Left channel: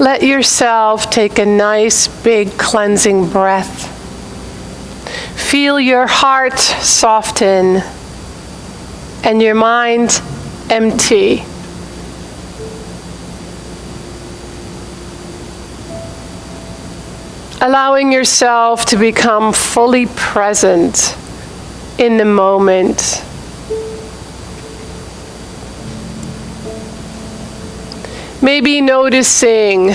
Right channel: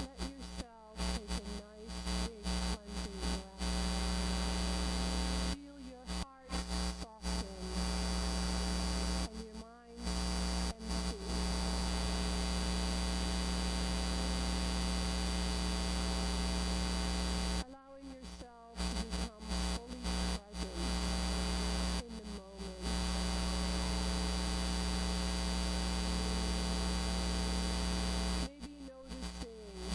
Let yourself take a nice, big, cleansing breath. Feel your heart soften and your mind empty. Allowing yourself to become fully present in the moment. Maybe noticing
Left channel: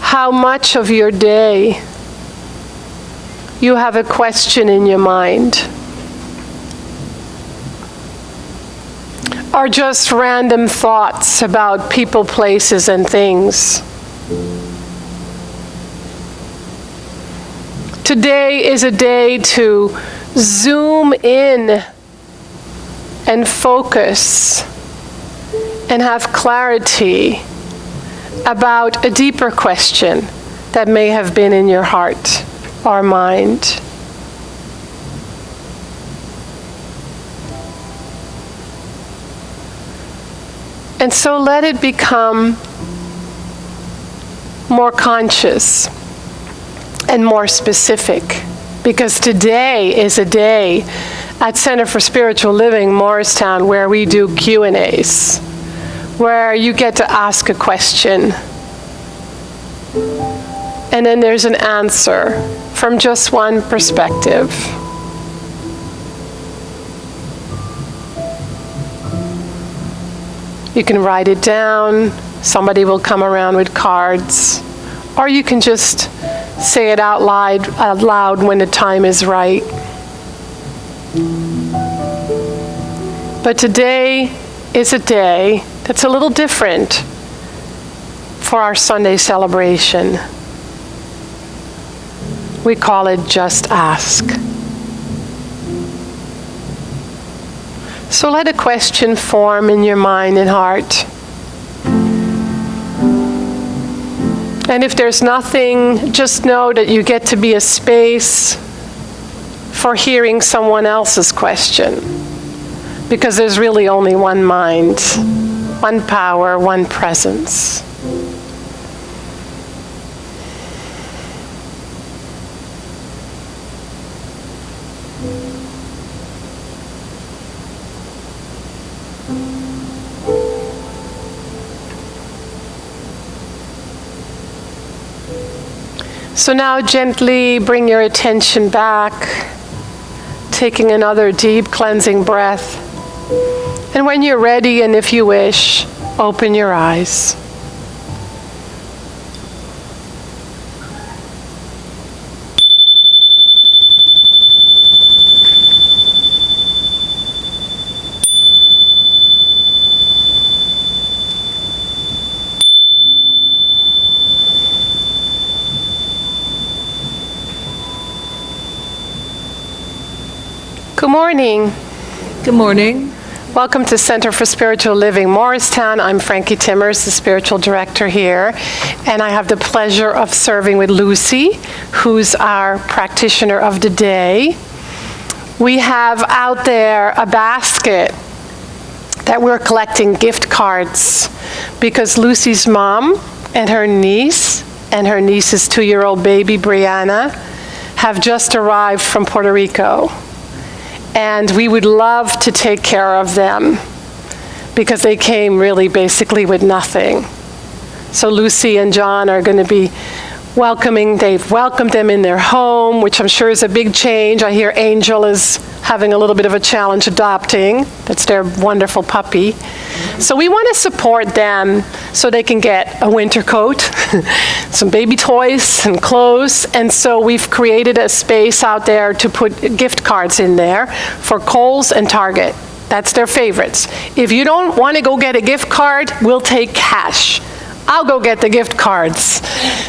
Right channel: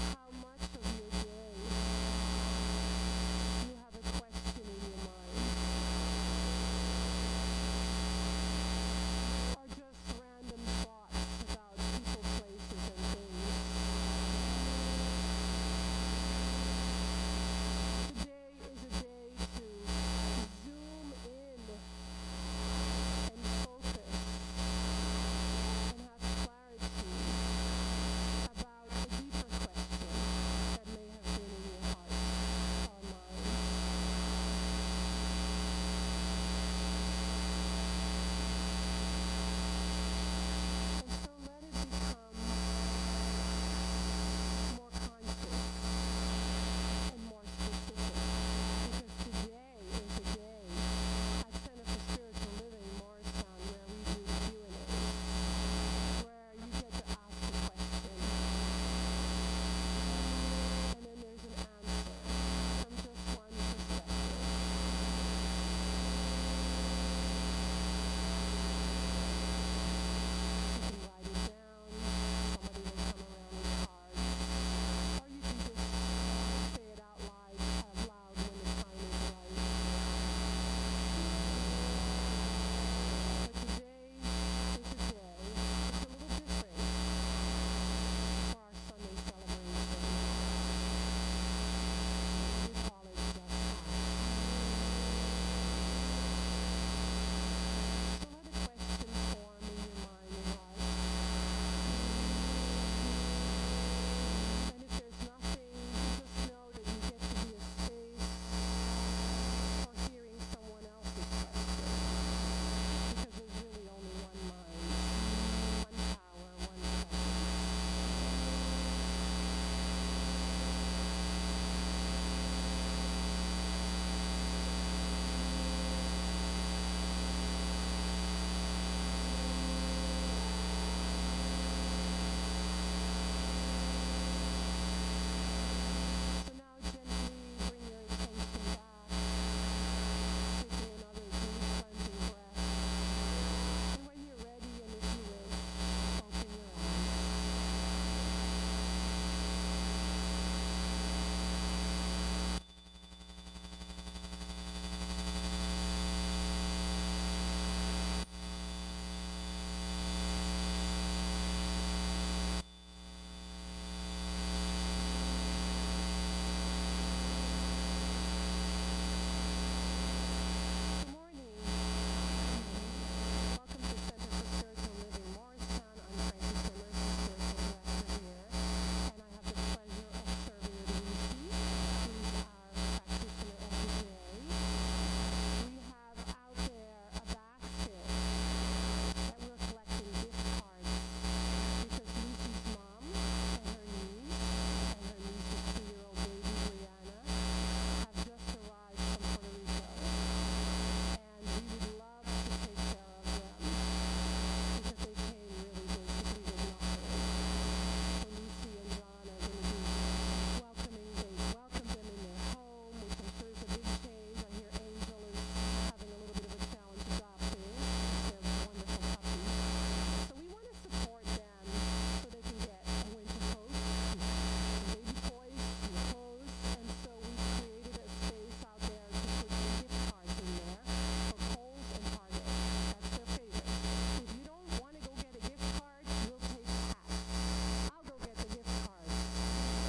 how much of your day you have a question in your mind, or just random thoughts about people, places, and things. Today is a day to zoom in and focus and have clarity about a deeper question that may have been in your heart or mind. And so let it become more conscious and more specific, because today is a day at Center for Spiritual Living, Morristown, where we do Q&As, where you get to ask a question, and then there's an answer from just one perspective. You can write it down, somebody will come around with cards, or you can just say it out loud when the time is right. But today is a day that's a little different for our Sunday celebration. We call it Just Ask. So let a question form in your mind and heart. And if there's nothing, just know that you get to be a space for hearing someone else's question. Because there's really only one mind, one power, one presence. So now gently bring your attention back, taking another deep cleansing breath. And when you're ready, and if you wish, open your eyes. Good morning. Good morning. Welcome to Center for Spiritual Living, Morristown. I'm Frankie Timmers, the spiritual director here, and I have the pleasure of serving with Lucy, who's our practitioner of the day. We have out there a basket that we're collecting gift cards because Lucy's mom and her niece's 2-year-old baby, Brianna, have just arrived from Puerto Rico. And we would love to take care of them because they came really basically with nothing. So Lucy and John are going to be they've welcomed them in their home, which I'm sure is a big change. I hear Angel is having a little bit of a challenge adopting. That's their wonderful puppy. So we want to support them so they can get a winter coat, some baby toys and clothes. And so we've created a space out there to put gift cards in there for Kohl's and Target. That's their favorites. If you don't want to go get a gift card, we'll take cash. I'll go get the gift cards.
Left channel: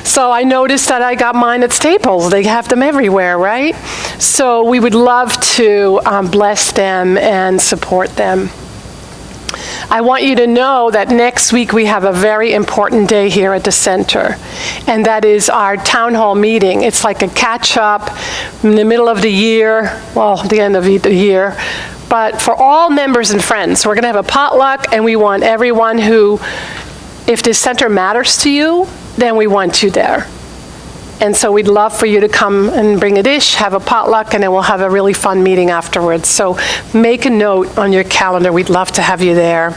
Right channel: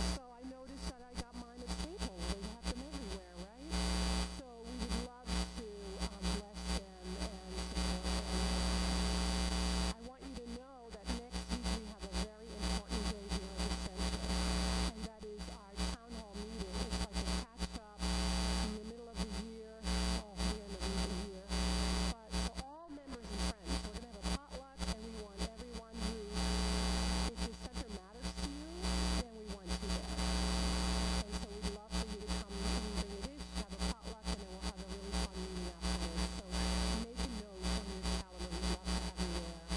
So I noticed that I got mine at Staples. They have them everywhere, right? So we would love to bless them and support them. I want you to know that next week we have a very important day here at the center, and that is our town hall meeting. It's like a catch-up in the middle of the year, well, the end of the year, but for all members and friends. We're going to have a potluck, and we want everyone who if this center matters to you, then we want you there. And so we'd love for you to come and bring a dish, have a potluck, and then we'll have a really fun meeting afterwards. So make a note on your calendar. We'd love to have you there.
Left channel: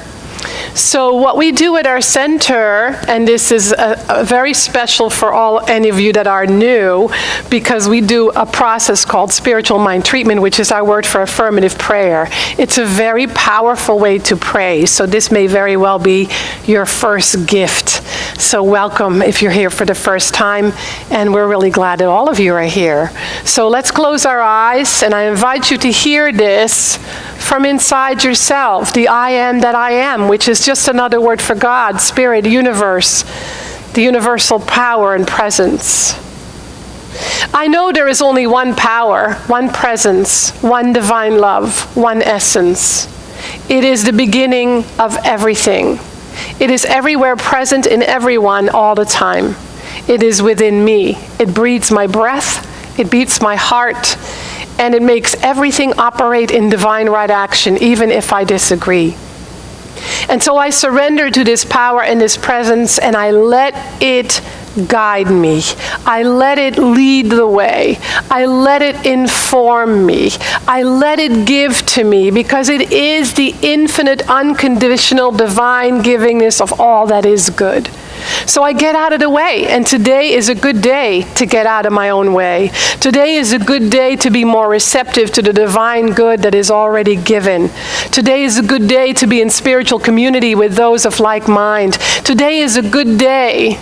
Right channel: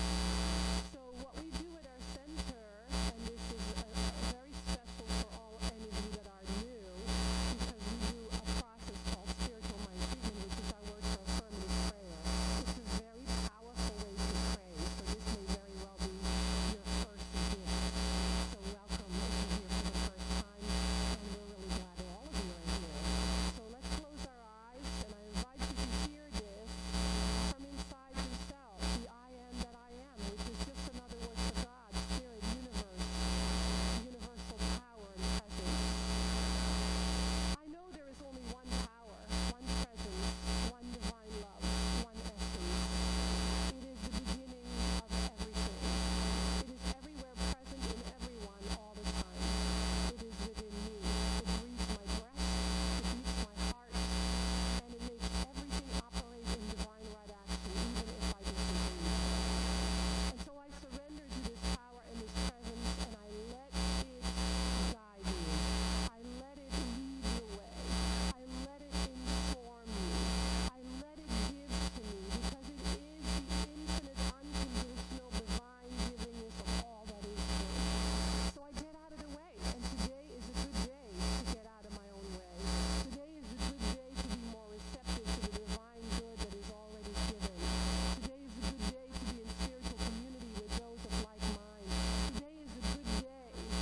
So what we do at our center, and this is a very special for any of you that are new, because we do a process called spiritual mind treatment, which is our word for affirmative prayer. It's a very powerful way to pray. So this may very well be your first gift. So welcome if you're here for the first time, and we're really glad that all of you are here. So let's close our eyes, and I invite you to hear this from inside yourself, the I am that I am, which is just another word for God, Spirit, universe, the universal power and presence. I know there is only one power, one presence, one divine love, one essence. It is the beginning of everything. It is everywhere present in everyone all the time. It is within me. It breathes my breath. It beats my heart. And it makes everything operate in divine right action, even if I disagree. And so I surrender to this power and this presence, and I let it guide me. I let it lead the way. I let it inform me. I let it give to me, because it is the infinite, unconditional, divine givingness of all that is good. So I get out of the way, and today is a good day to get out of my own way. Today is a good day to be more receptive to the divine good that is already given. Today is a good day to be in spiritual community with those of like mind. Today is a good day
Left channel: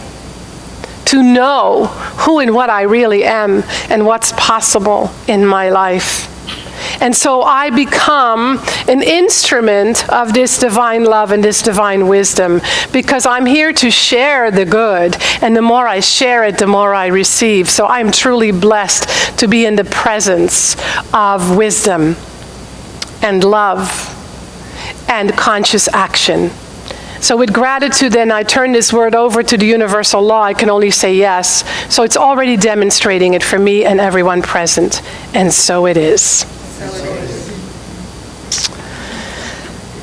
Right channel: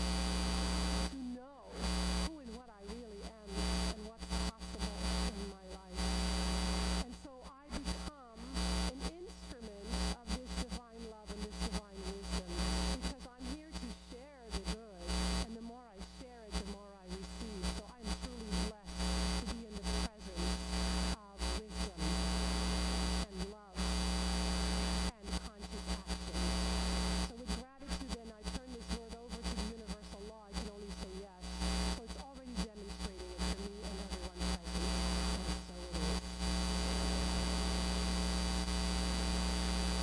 to know who and what I really am and what's possible in my life. And so I become an instrument of this divine love and this divine wisdom, because I'm here to share the good. And the more I share it, the more I receive. So I'm truly blessed to be in the presence of wisdom and love and conscious action. So with gratitude, then, I turn this word over to the universal law. I can only say yes. So it's already demonstrating it for me and everyone present. And so it is.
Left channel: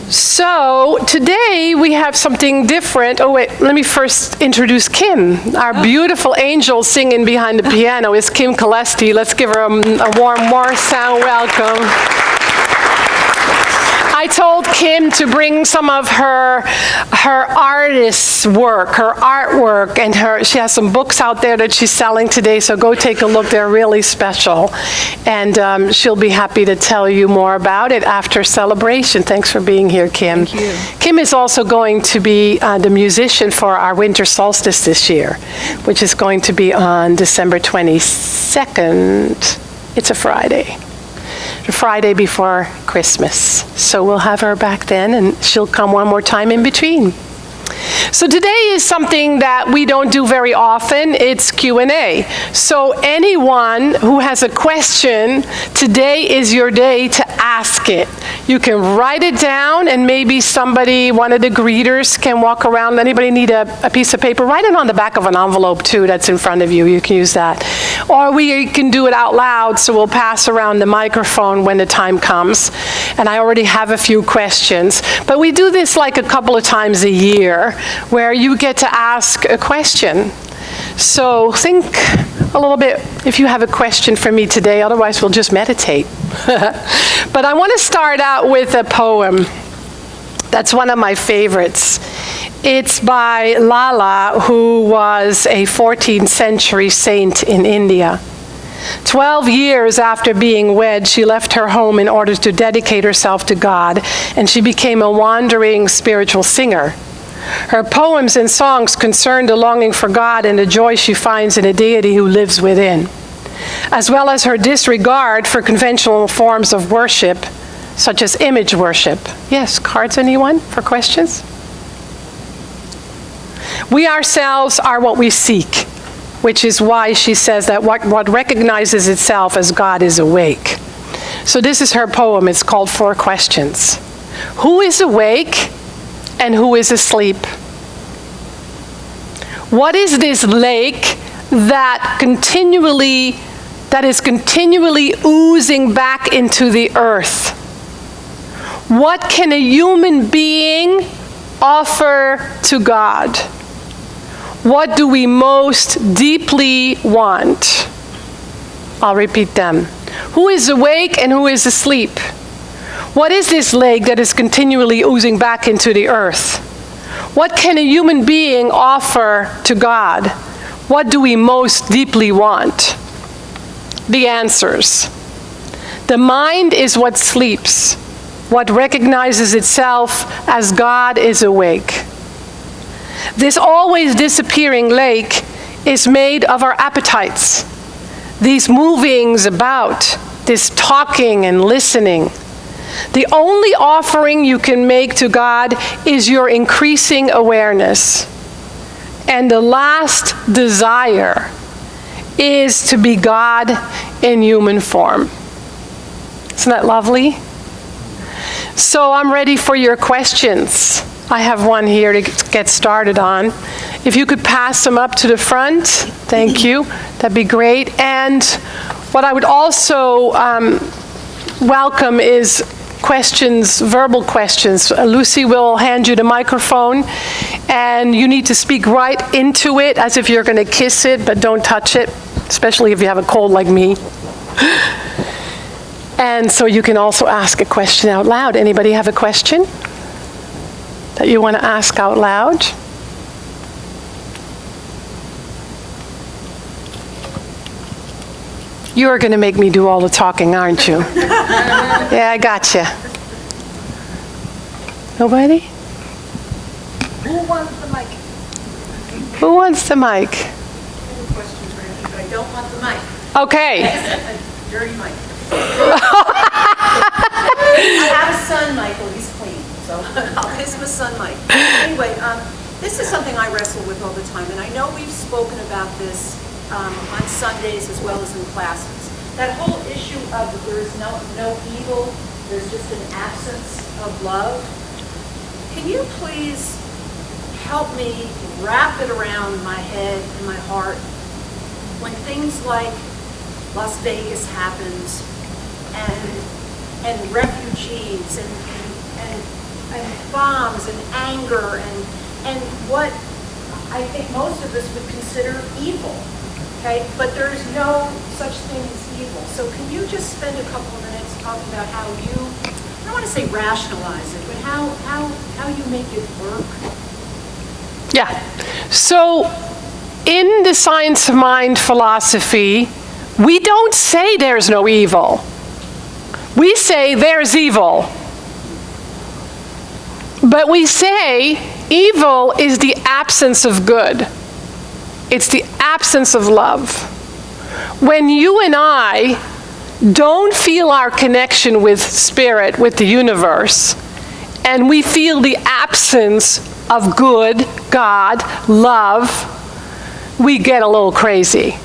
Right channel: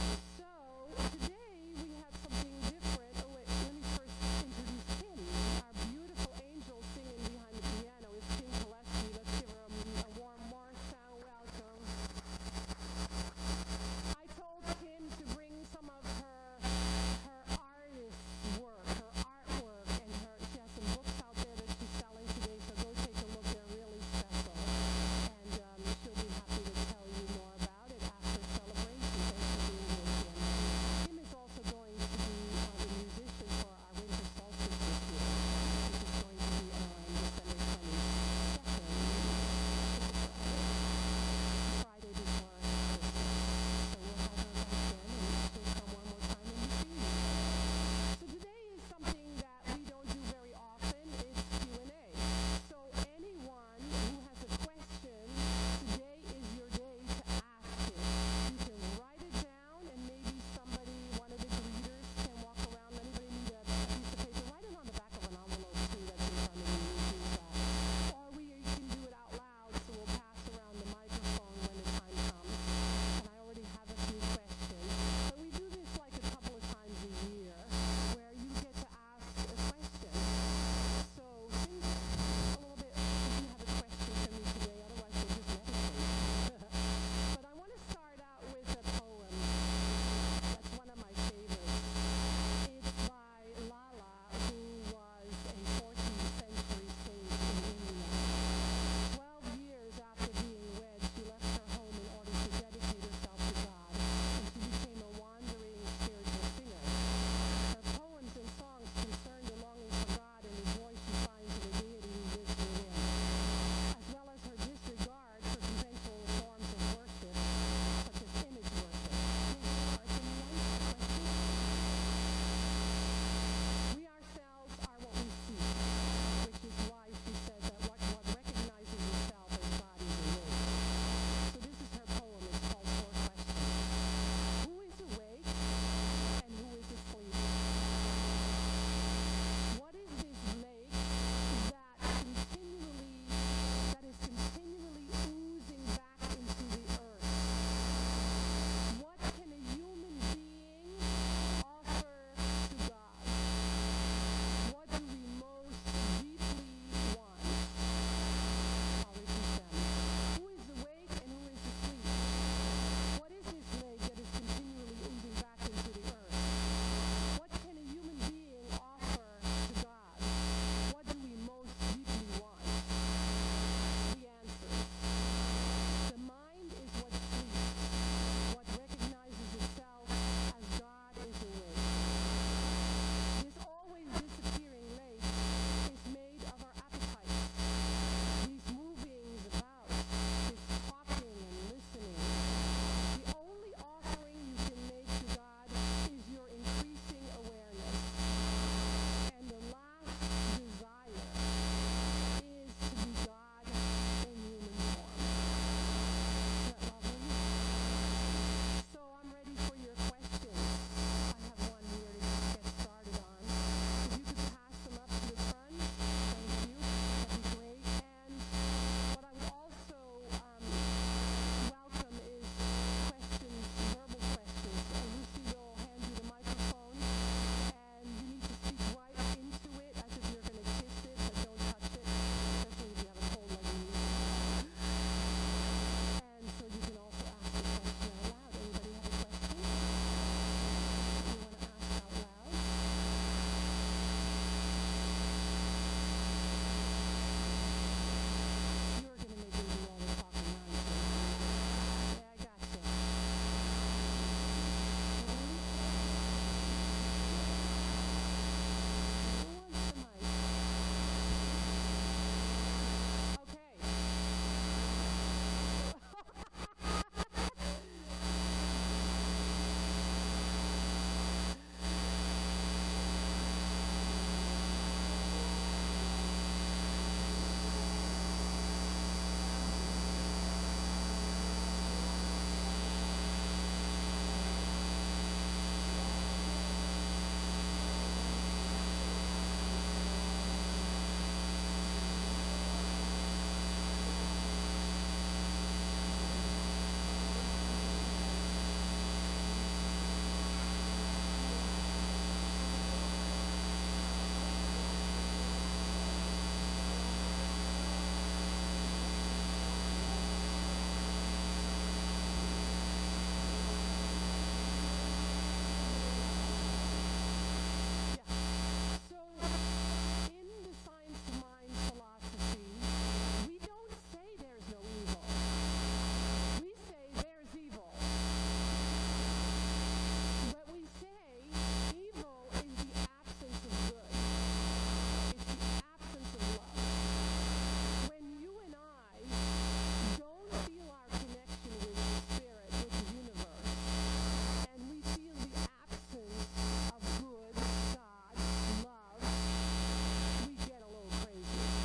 So today we have something different. Oh wait, let me first introduce Kim. Our beautiful angel singing behind the piano is Kim Kalesti. Let's give her a warm Morristown welcome. I told Kim to bring some of her artist's work, her artwork, and she has some books out there that she's selling today, so go take a look. They're really special. And she'll be happy to tell you more about it after celebration. Thanks for being here, Kim. Thank you. Kim is also going to be the musician for our winter solstice this year, which is going to be on December 22nd. It's a Friday. The Friday before Christmas. So we'll have her back then, and she'll come one more time in between. So today is something that we don't do very often. It's Q&A. So anyone who has a question, today is your day to ask it. You can write it down, and maybe one of the greeters can walk around. Anybody need a piece of paper? Write it on the back of an envelope too that's in front of you. You can use that. Or we can do it out loud, so we'll pass around the microphone when the time comes. And I already have a few questions. But we do this like a couple of times a year, where you get to ask a question. So think a little bit if you have a question for me today, otherwise we'll just meditate. But I want to start out with a poem that's one of my favorites. It's by Lala, who was a 14th century saint in India. 12 years after being wed, she left her home in order to dedicate herself to God, and she became a wandering spiritual singer. Her poems and songs concern the longing for God and the joy she finds in a deity who lives within, as well as her disregard for conventional forms of worship, such as image worship. Yes, cards, anyone for questions? We ourselves are what we seek, which is why she says that what recognizes itself as God is awake. So this is her poem. It's called 4 Questions. Who is awake? And who is asleep? What is this lake that is continually oozing back into the earth? What can a human being offer to God? What do we most deeply want? I'll repeat them. Who is awake and who is asleep? What is this lake that is continually oozing back into the earth? What can a human being offer to God? What do we most deeply want? The answers. The mind is what sleeps, what recognizes itself as God is awake. This always disappearing lake is made of our appetites, these movings about, this talking and listening. The only offering you can make to God is your increasing awareness. And the last desire is to be God in human form. Isn't that lovely? So I'm ready for your questions. I have one here to get started on. If you could pass them up to the front, thank you. That'd be great. And what I would also welcome is questions, verbal questions. Lucy will hand you the microphone, and you need to speak right into it as if you're going to kiss it, but don't touch it, especially if you have a cold like me. And so you can also ask a question out loud. Anybody have a question that you want to ask out loud? You are going to make me do all the talking, aren't you? Yeah, I gotcha. Nobody? Who wants the mic? Who wants the mic? I have a question for you, but I don't want the mic. Okay. A dirty mic. I have a son, Michael. He's clean, so I'll kiss my son, Mike. Anyway, this is something I wrestle with all the time, and I know we've spoken about this on Sundays as well as in classes. That whole issue of there's no evil, there's just an absence of love. Can you please help me wrap it around my head and my heart when things like Las Vegas happens and refugees and bombs and anger and what I think most of us would consider evil, okay? But there's no such thing as evil. So can you just spend a couple of minutes talking about how you, I don't want to say rationalize it, but how you make it work? Yeah. So in the science of mind philosophy, we don't say there's no evil. We say there's evil. But we say evil is the absence of good. It's the absence of love. When you and I don't feel our connection with spirit, with the universe, and we feel the absence of good, God, love, we get a little crazy.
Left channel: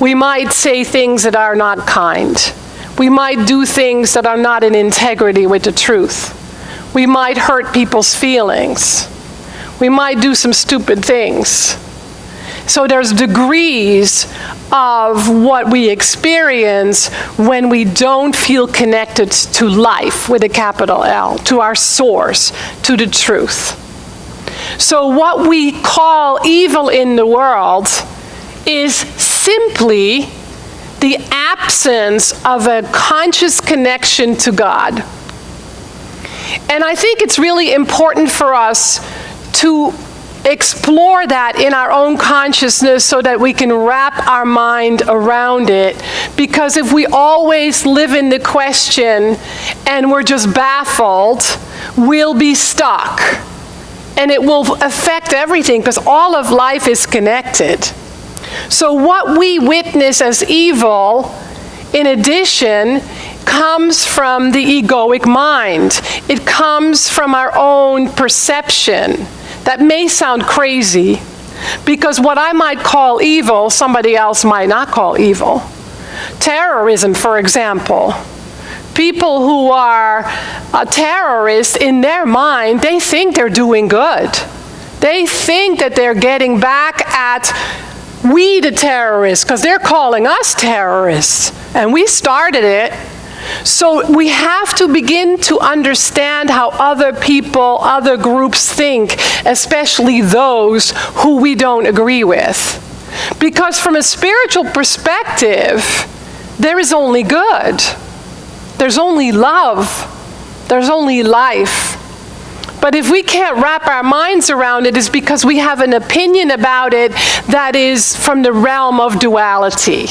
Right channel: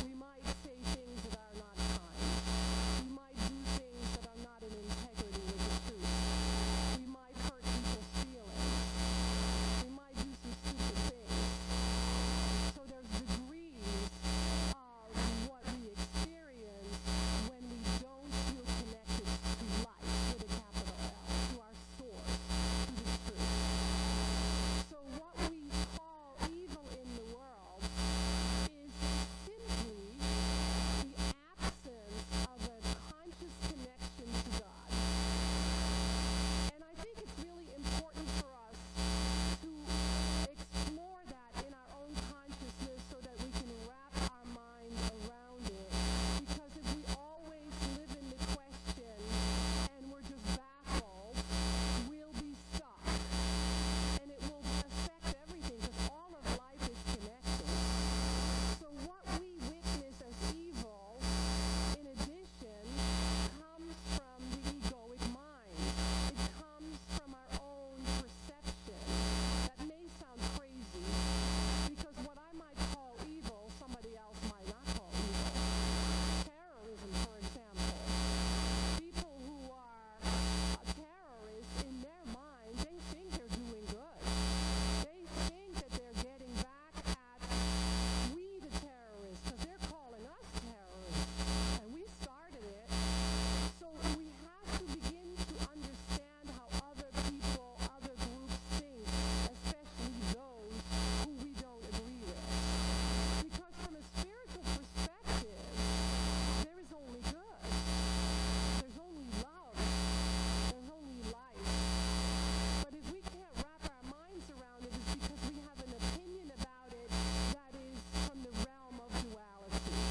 We might say things that are not kind. We might do things that are not in integrity with the truth. We might hurt people's feelings. We might do some stupid things. So there's degrees of what we experience when we don't feel connected to life with a capital L, to our source, to the truth. So what we call evil in the world is simply the absence of a conscious connection to God. And I think it's really important for us to explore that in our own consciousness so that we can wrap our mind around it. Because if we always live in the question and we're just baffled, we'll be stuck. And it will affect everything because all of life is connected. So what we witness as evil, in addition, comes from the egoic mind. It comes from our own perception. That may sound crazy, because what I might call evil, somebody else might not call evil. Terrorism, for example. People who are terrorists, in their mind, they think they're doing good. They think that they're getting back at we, the terrorists, because they're calling us terrorists, and we started it. So we have to begin to understand how other people, other groups think, especially those who we don't agree with. Because from a spiritual perspective, there is only good. There's only love. There's only life. But if we can't wrap our minds around it, it's because we have an opinion about it that is from the realm of duality.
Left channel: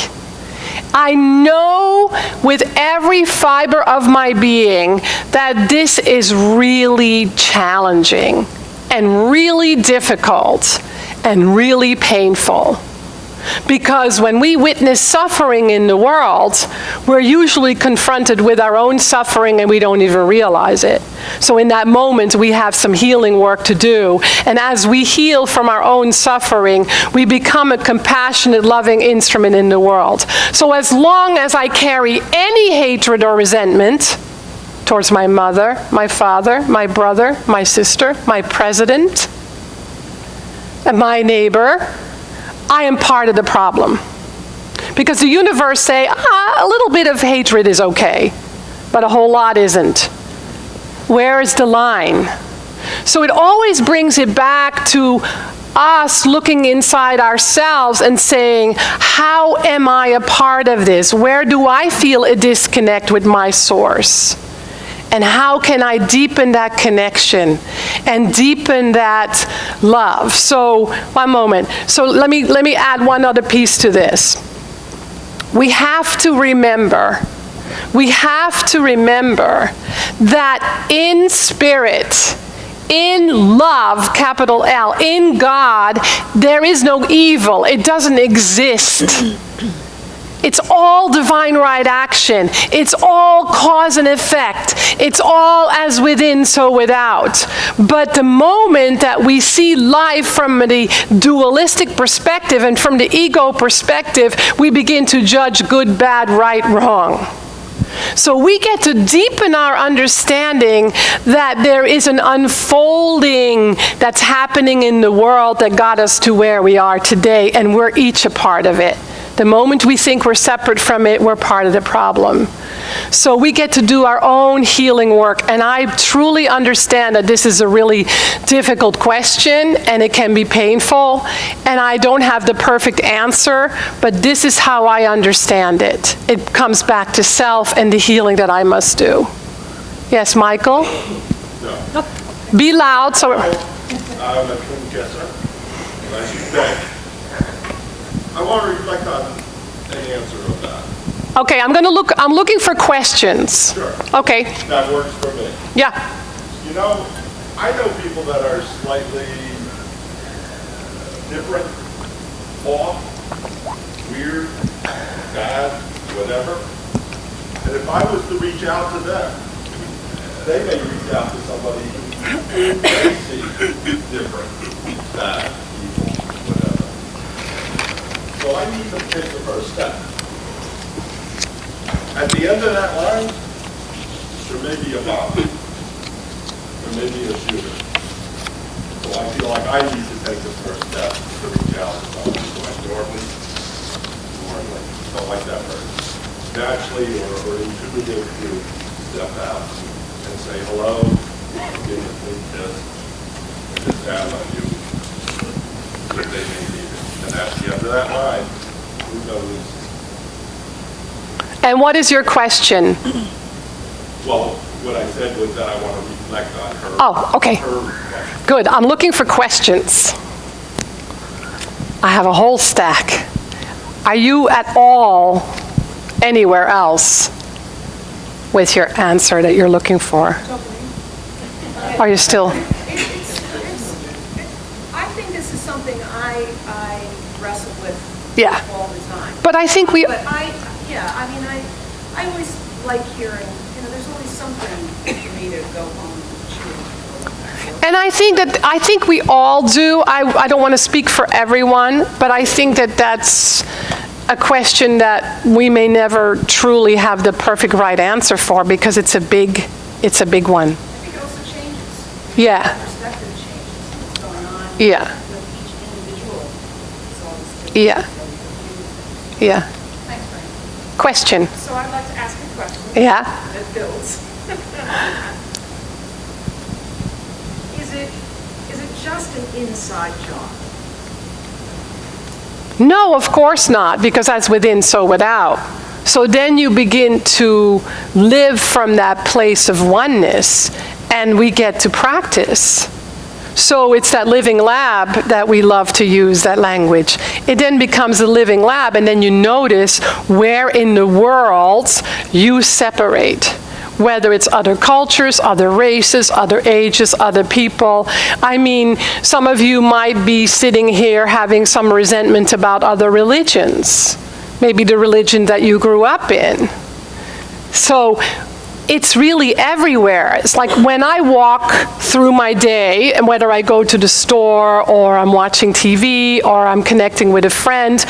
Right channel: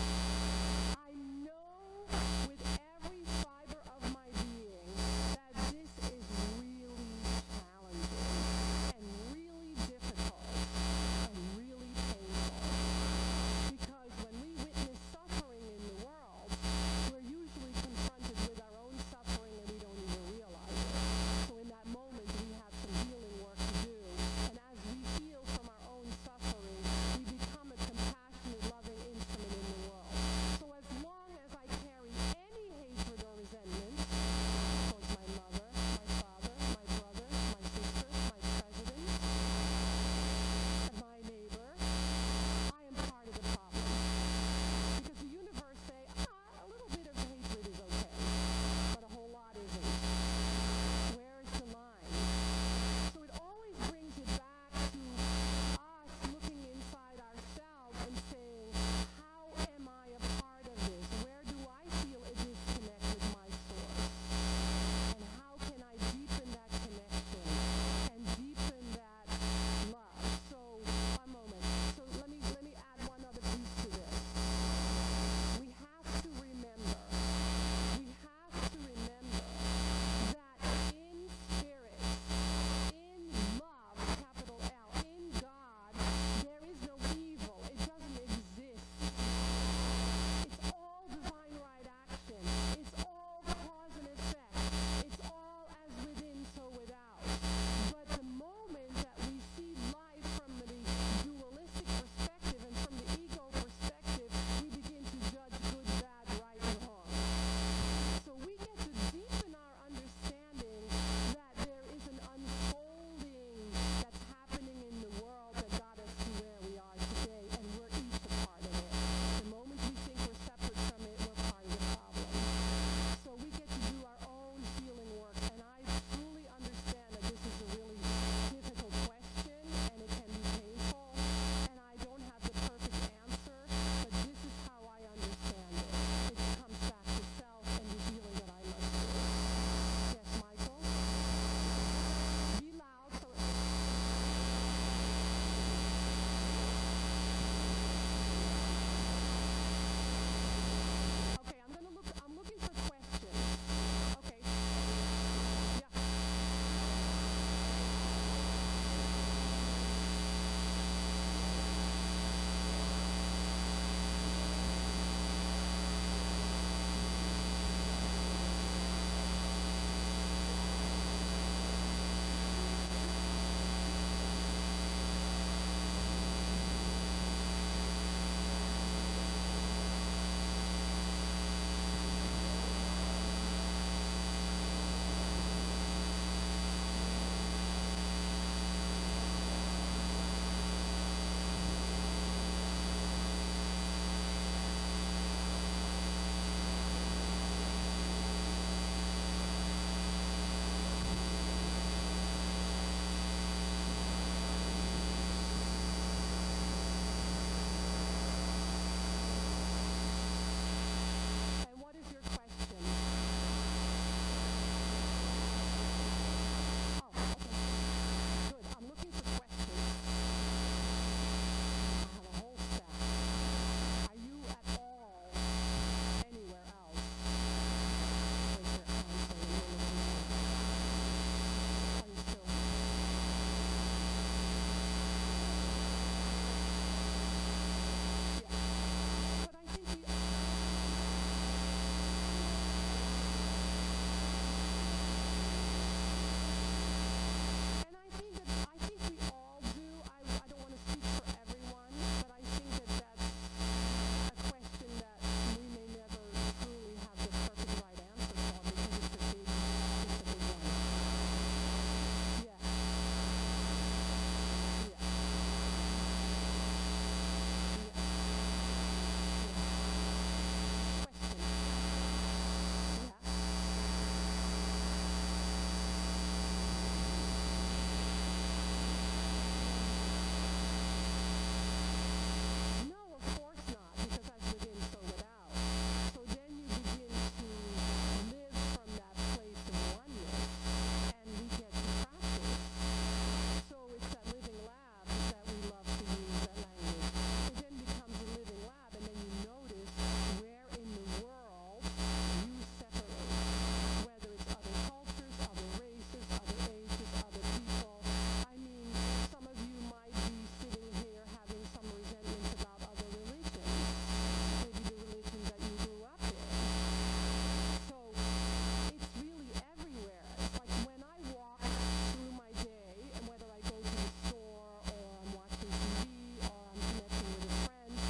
I know with every fiber of my being that this is really challenging and really difficult and really painful. Because when we witness suffering in the world, we're usually confronted with our own suffering and we don't even realize it. So in that moment, we have some healing work to do. And as we heal from our own suffering, we become a compassionate, loving instrument in the world. So as long as I carry any hatred or resentment towards my mother, my father, my brother, my sister, my president, and my neighbor, I am part of the problem. Because the universe say, a little bit of hatred is okay, but a whole lot isn't. Where is the line? So it always brings it back to us looking inside ourselves and saying, how am I a part of this? Where do I feel a disconnect with my source? And how can I deepen that connection and deepen that love? So, one moment. So let me add one other piece to this. We have to remember that in spirit, in love, capital L, in God, there is no evil. It doesn't exist. It's all divine right action. It's all cause and effect. It's all as within, so without. But the moment that we see life from the dualistic perspective and from the ego perspective, we begin to judge good, bad, right, wrong. So we get to deepen our understanding that there is an unfolding that's happening in the world that got us to where we are today, and we're each a part of it. The moment we think we're separate from it, we're part of the problem. So we get to do our own healing work, and I truly understand that this is a really difficult question, and it can be painful, and I don't have the perfect answer, but this is how I understand it. It comes back to self and the healing that I must do. Yes, Michael? No. Be loud. So. I'm a twin guesser. As you say, I want to reflect on an answer of that. Okay, I'm looking for questions. Sure. Okay. That works for me. Yeah. You know, I know people that are slightly different, off, weird, bad, whatever. And if I was to reach out to them, they may reach out to somebody who they see different, bad, evil, whatever. So I need to take the first step. At the end of that line, there may be a bomb. There may be a shooter. So I feel like I need to take the first step to reach out to someone. So I normally don't like that person. Naturally or intuitive to step out and say hello, I'm getting this, and just down on you. If they may need it. And at the end of that line, who knows? And what is your question? Well, what I said was that I want to reflect on her. Oh, okay. Her question. Good. I'm looking for questions. I have a whole stack. Are you at all anywhere else with your answer that you're looking for? Are you still? I think this is something I wrestle with Yeah. all the time. But I think we. But I always like hearing, there's always something for me to go home and chew. And I think we all do. I don't want to speak for everyone, but I think that that's a question that we may never truly have the perfect right answer for because it's a big one. I think it also changes. Yeah. Perspective changes. What's going on Yeah. with each individual. It's all this Yeah. Yeah. Thanks, Frank. Question. So I'd like to ask a question. Yeah? That builds. Is it just an inside job? No, of course not, because that's within, so without. So then you begin to live from that place of oneness, and we get to practice. So it's that living lab that we love to use, that language. It then becomes a living lab, and then you notice where in the world you separate. Whether it's other cultures, other races, other ages, other people. I mean, some of you might be sitting here having some resentment about other religions. Maybe the religion that you grew up in. So it's really everywhere. It's like when I walk through my day, and whether I go to the store or I'm watching TV or I'm connecting with a friend,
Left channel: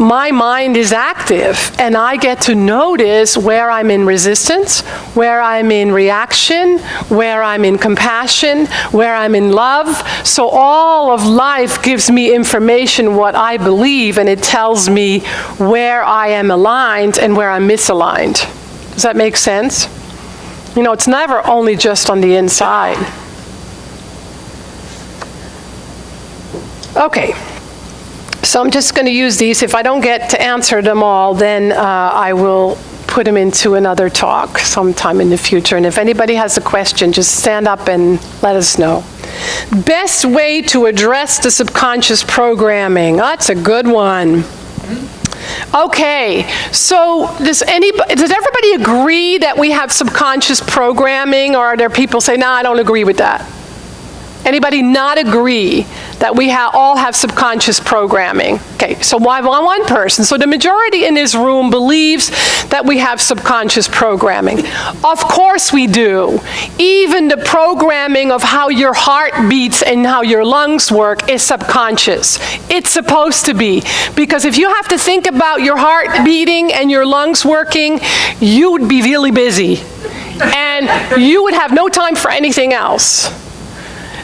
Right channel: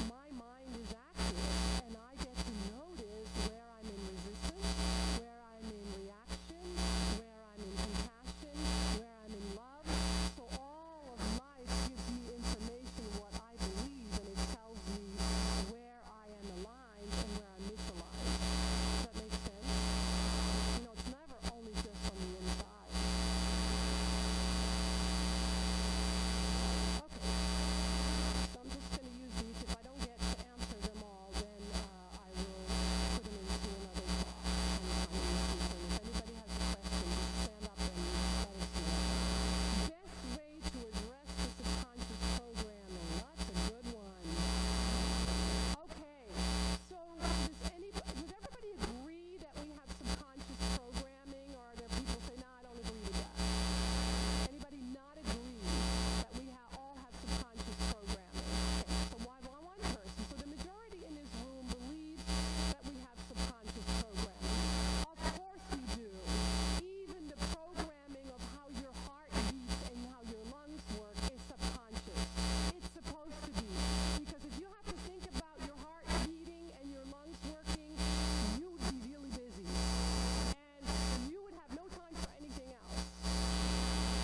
my mind is active, and I get to notice where I'm in resistance, where I'm in reaction, where I'm in compassion, where I'm in love. So all of life gives me information, what I believe, and it tells me where I am aligned and where I'm misaligned. Does that make sense? You know, it's never only just on the inside. Okay. So I'm just going to use these. If I don't get to answer them all, then I will put them into another talk sometime in the future. And if anybody has a question, just stand up and let us know. Best way to address the subconscious programming. That's a good one. Okay, so does everybody agree that we have subconscious programming, or are there people say, no, I don't agree with that? Anybody not agree that we all have subconscious programming? Okay, so why one person? So the majority in this room believes that we have subconscious programming. Of course we do. Even the programming of how your heart beats and how your lungs work is subconscious. It's supposed to be. Because if you have to think about your heart beating and your lungs working, you would be really busy. And you would have no time for anything else.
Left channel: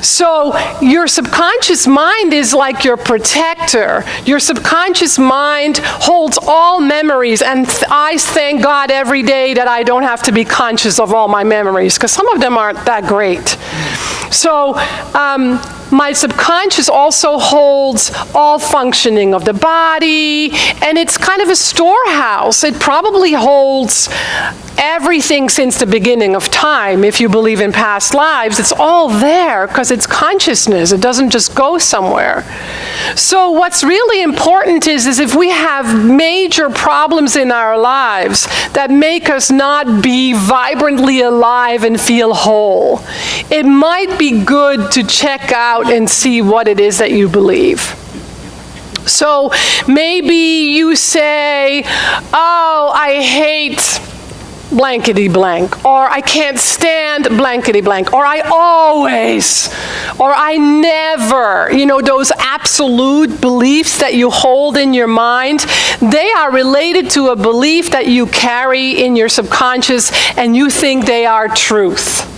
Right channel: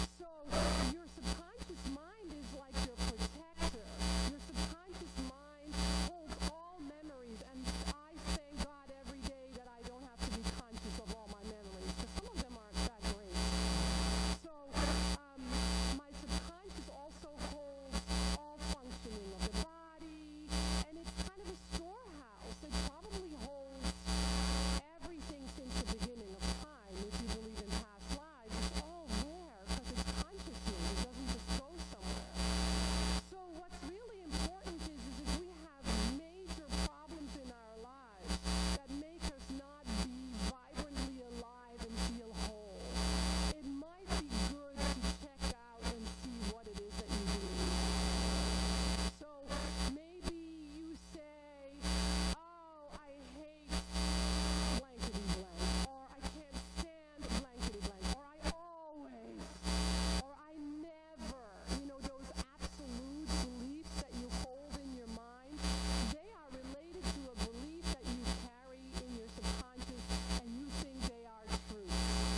So your subconscious mind is like your protector. Your subconscious mind holds all memories, and I thank God every day that I don't have to be conscious of all my memories, because some of them aren't that great. So my subconscious also holds all functioning of the body, and it's kind of a storehouse. It probably holds everything since the beginning of time. If you believe in past lives, it's all there because it's consciousness. It doesn't just go somewhere. So what's really important is if we have major problems in our lives that make us not be vibrantly alive and feel whole, it might be good to check out and see what it is that you believe. So maybe you say, oh, I hate blankety blank, or I can't stand blankety blank, or I always, or I never. You know, those absolute beliefs that you hold in your mind, they are related to a belief that you carry in your subconscious and you think they are truth.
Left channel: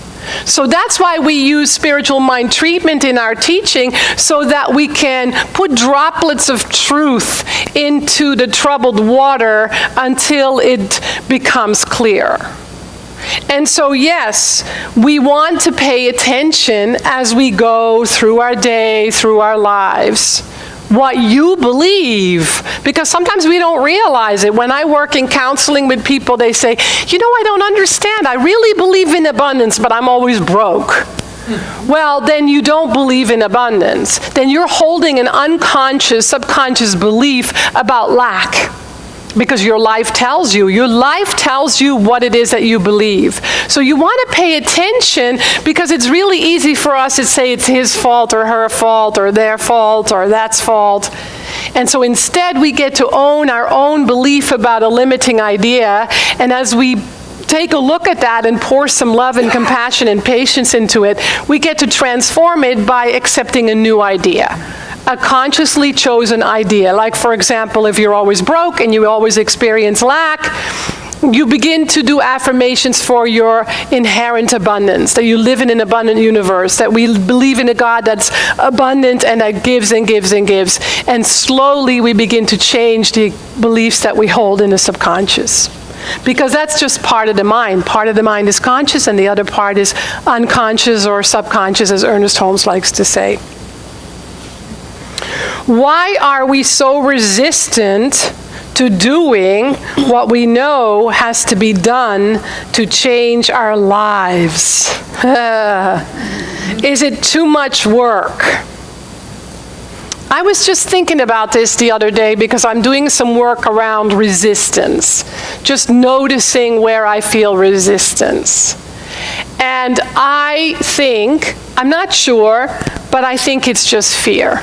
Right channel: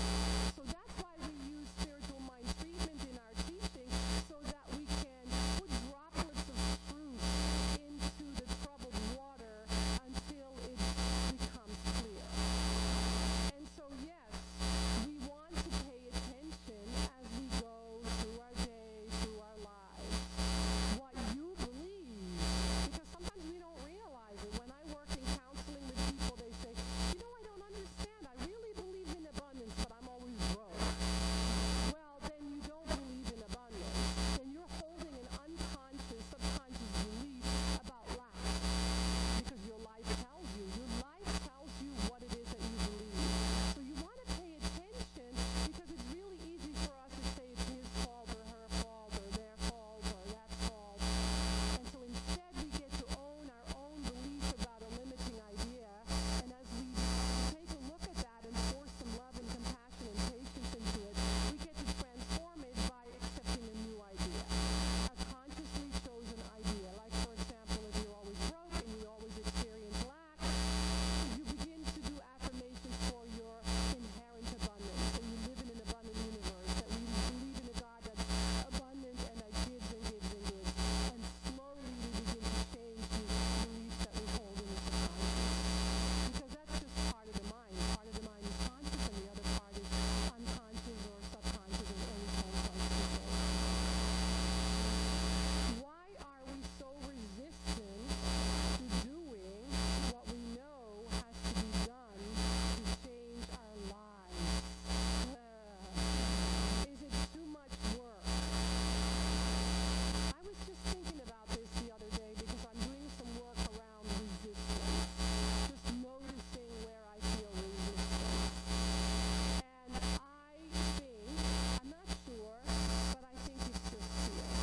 So that's why we use spiritual mind treatment in our teaching, so that we can put droplets of truth into the troubled water until it becomes clear. And so yes, we want to pay attention as we go through our day, through our lives, what you believe, because sometimes we don't realize it. When I work in counseling with people, they say, you know, I don't understand. I really believe in abundance, but I'm always broke. Well, then you don't believe in abundance. Then you're holding an unconscious, subconscious belief about lack. Because your life tells you what it is that you believe. So you want to pay attention, because it's really easy for us to say it's his fault or her fault or their fault or that's fault. And so instead we get to own our own belief about a limiting idea, and as we take a look at that and pour some love and compassion and patience into it, we get to transform it by accepting a new idea. A consciously chosen idea. Like, for example, if you're always broke and you always experience lack, You begin to do affirmations for your inherent abundance, that you live in an abundant universe, that we believe in a God that's abundant and that gives and gives and gives. And slowly we begin to change the beliefs that we hold in the subconscious. Because that's just part of the mind. Part of the mind is conscious and the other part is unconscious or subconscious, as Ernest Holmes likes to say. Why are we so resistant to doing what we know has to be done to change our lives? Is it too much work? I was just thinking about this the other day because I'm doing some work around resistance, just noticing where I feel resistance. And I think, I'm not sure, but I think it's just fear.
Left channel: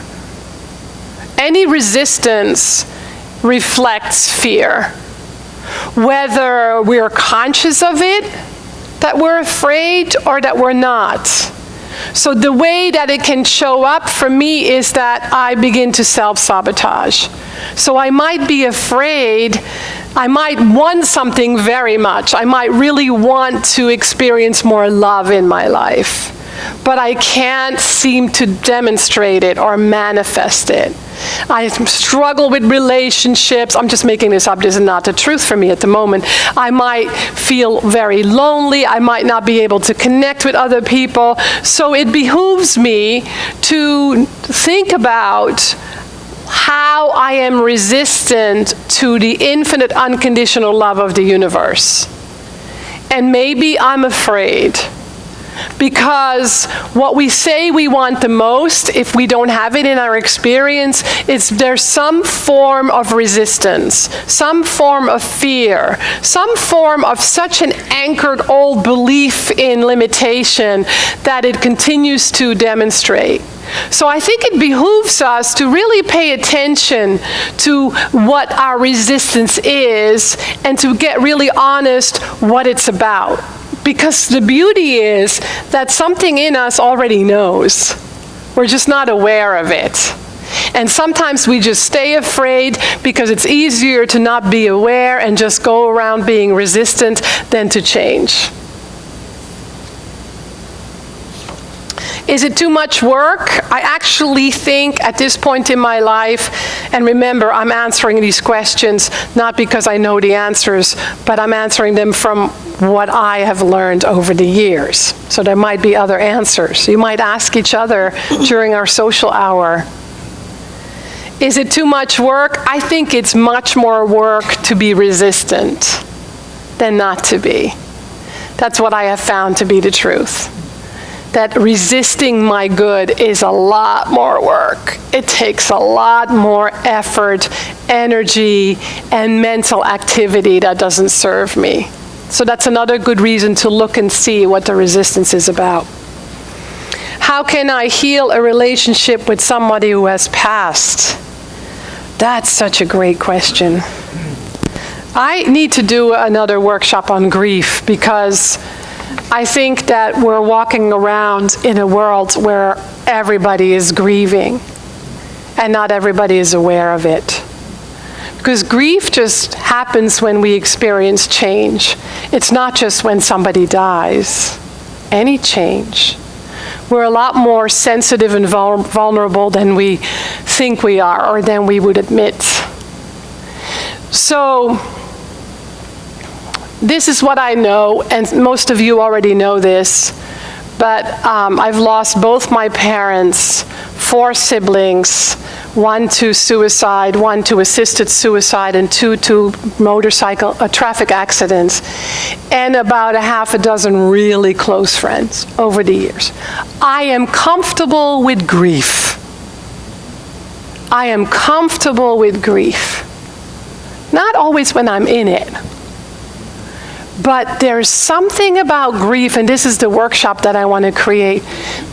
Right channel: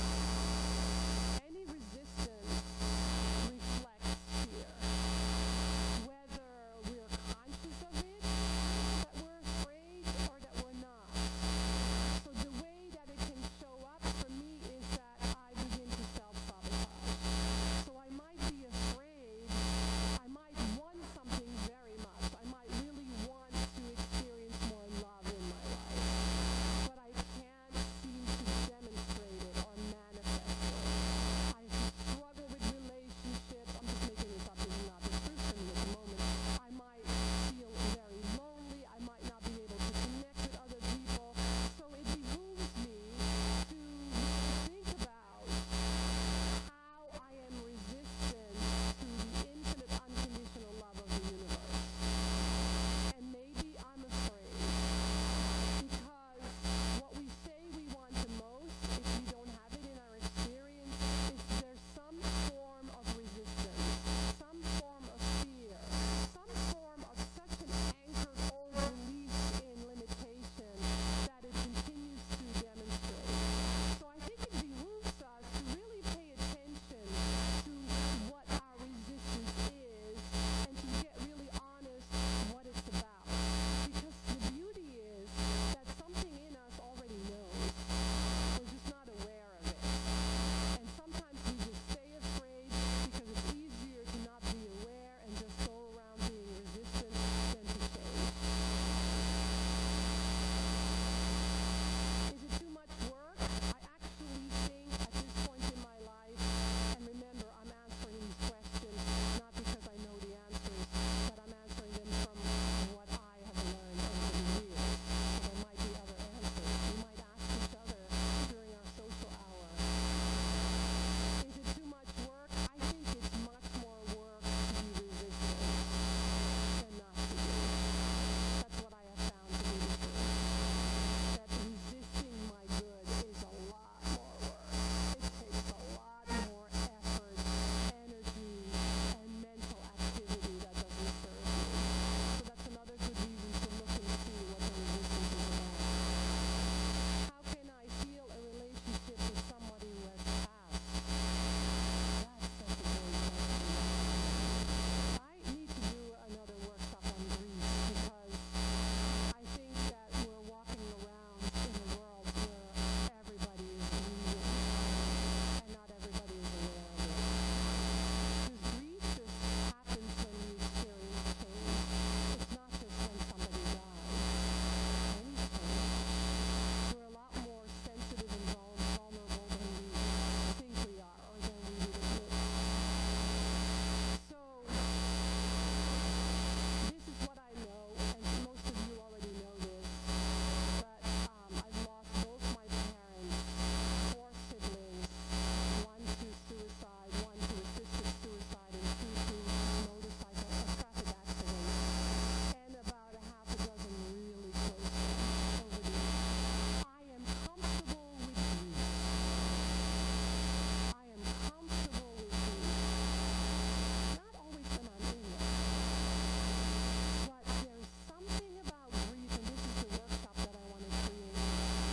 Any resistance reflects fear. Whether we're conscious of it, that we're afraid, or that we're not. So the way that it can show up for me is that I begin to self-sabotage. So I might be afraid, I might want something very much. I might really want to experience more love in my life, but I can't seem to demonstrate it or manifest it. I struggle with relationships. I'm just making this up. This is not the truth for me at the moment. I might feel very lonely. I might not be able to connect with other people. So it behooves me to think about how I am resistant to the infinite unconditional love of the universe. And maybe I'm afraid. Because what we say we want the most, if we don't have it in our experience, there's some form of resistance, some form of fear, some form of such an anchored old belief in limitation that it continues to demonstrate. So I think it behooves us to really pay attention to what our resistance is and to get really honest what it's about. Because the beauty is that something in us already knows. We're just not aware of it. And sometimes we just stay afraid because it's easier to not be aware and just go around being resistant than to change. Is it too much work? I actually think at this point in my life, and remember, I'm answering these questions not because I know the answers, but I'm answering them from what I have learned over the years. So there might be other answers. You might ask each other during our social hour. Is it too much work? I think it's much more work to be resistant than not to be. That's what I have found to be the truth. That resisting my good is a lot more work. It takes a lot more effort, energy, and mental activity that doesn't serve me. So that's another good reason to look and see what the resistance is about. How can I heal a relationship with somebody who has passed? That's such a great question. I need to do another workshop on grief because I think that we're walking around in a world where everybody is grieving and not everybody is aware of it. Because grief just happens when we experience change. It's not just when somebody dies. Any change. We're a lot more sensitive and vulnerable than we think we are or than we would admit. So this is what I know, and most of you already know this, but I've lost both my parents, 4 siblings, 1 to suicide, 1 to assisted suicide, and 2 to traffic accidents, and about a half a dozen really close friends over the years. I am comfortable with grief. I am comfortable with grief. Not always when I'm in it. But there's something about grief, and this is the workshop that I want to create,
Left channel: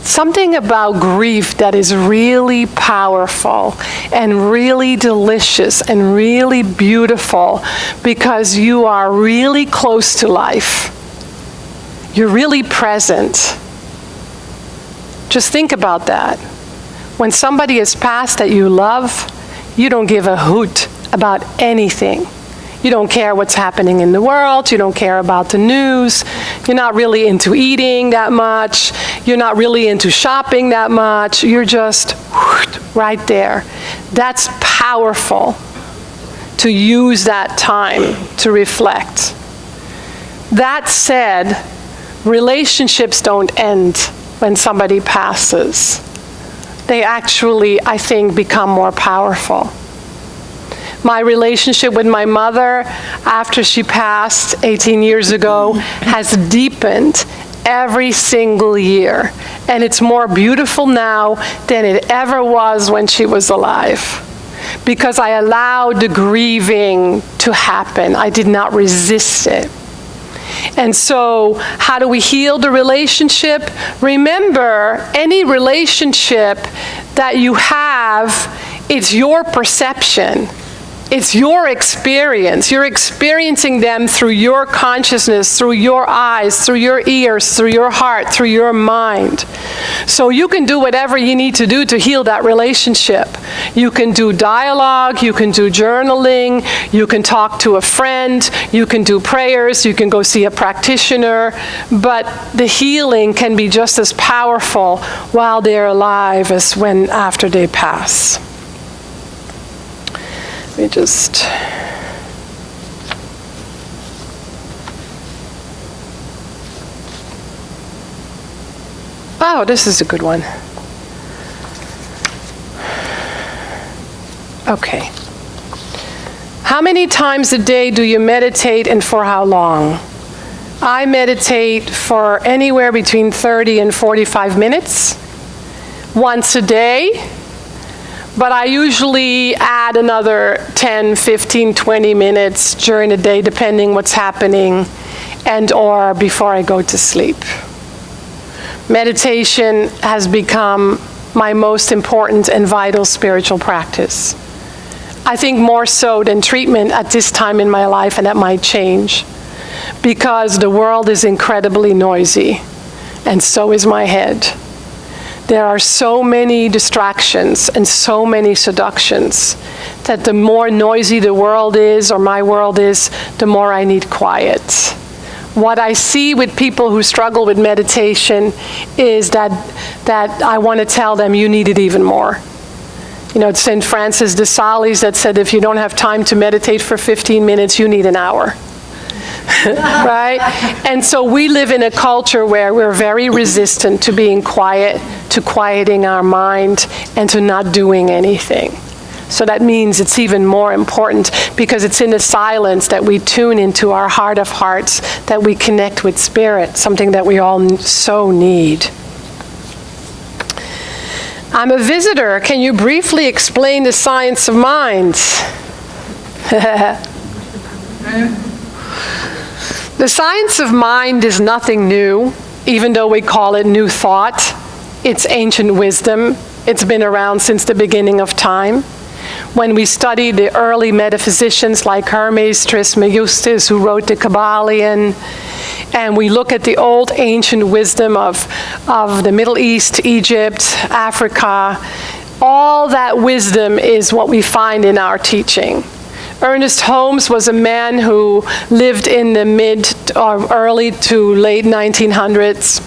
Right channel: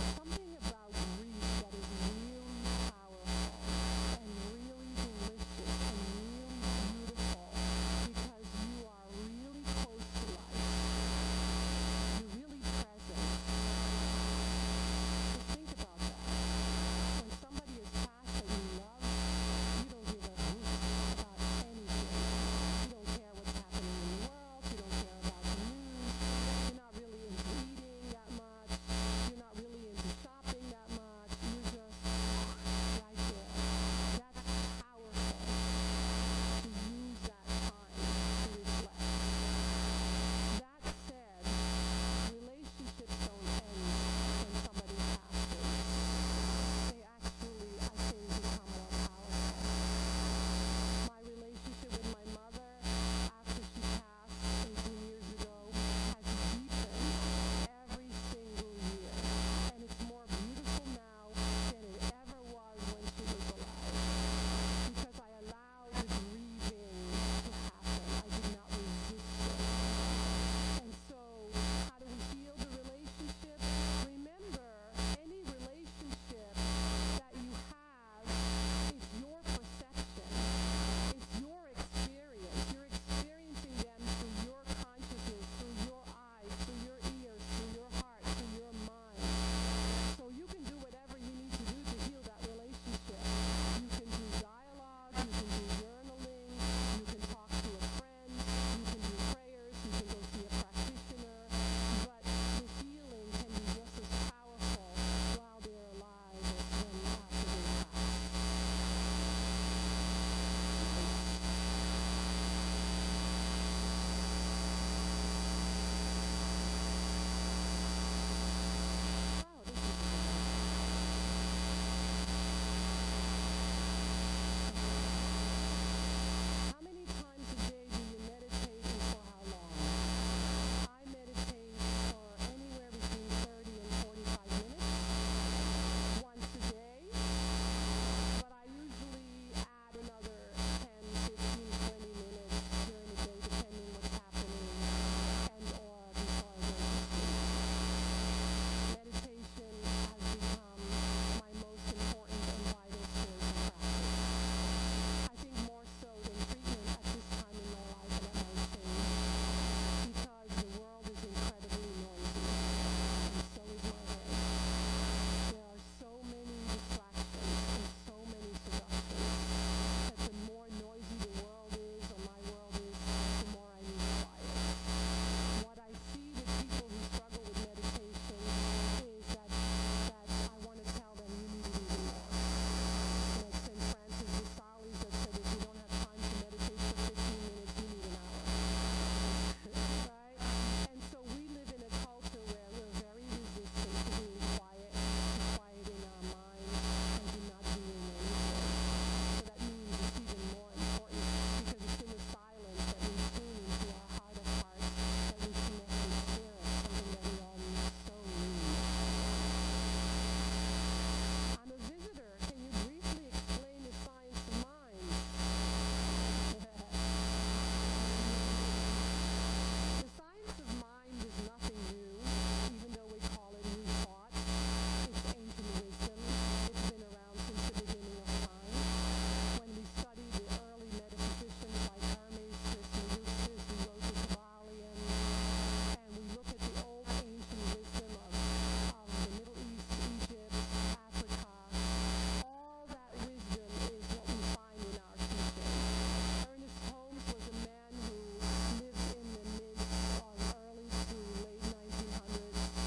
something about grief that is really powerful and really delicious and really beautiful because you are really close to life. You're really present. Just think about that. When somebody has passed that you love, you don't give a hoot about anything. You don't care what's happening in the world. You don't care about the news. You're not really into eating that much. You're not really into shopping that much. You're just right there. That's powerful, to use that time to reflect. That said, relationships don't end when somebody passes. They actually, I think, become more powerful. My relationship with my mother after she passed 18 years ago has deepened every single year. And it's more beautiful now than it ever was when she was alive. Because I allowed the grieving to happen. I did not resist it. And so, how do we heal the relationship? Remember, any relationship that you have, it's your perception. It's your experience. You're experiencing them through your consciousness, through your eyes, through your ears, through your heart, through your mind. So you can do whatever you need to do to heal that relationship. You can do dialogue, you can do journaling, you can talk to a friend, you can do prayers, you can go see a practitioner, but the healing can be just as powerful while they're alive as when after they pass. Let me just... Oh, this is a good one. Okay. How many times a day do you meditate and for how long? I meditate for anywhere between 30 and 45 minutes, once a day. But I usually add another 10, 15, 20 minutes during the day, depending what's happening, and or before I go to sleep. Meditation has become my most important and vital spiritual practice. I think more so than treatment at this time in my life, and that might change, because the world is incredibly noisy, and so is my head. There are so many distractions and so many seductions that the more noisy the world is, or my world is, the more I need quiet. What I see with people who struggle with meditation is that I want to tell them, you need it even more. You know, it's St. Francis de Sales that said, if you don't have time to meditate for 15 minutes, you need an hour. Right? And so we live in a culture where we're very resistant to being quiet, to quieting our mind, and to not doing anything. So that means it's even more important, because it's in the silence that we tune into our heart of hearts, that we connect with spirit, something that we all so need. I'm a visitor. Can you briefly explain the science of mind? The science of mind is nothing new, even though we call it new thought. It's ancient wisdom. It's been around since the beginning of time. When we study the early metaphysicians like Hermes Trismegistus, who wrote the Kabbalion, and we look at the old ancient wisdom of the Middle East, Egypt, Africa, all that wisdom is what we find in our teaching. Ernest Holmes was a man who lived in the mid or early to late 1900s.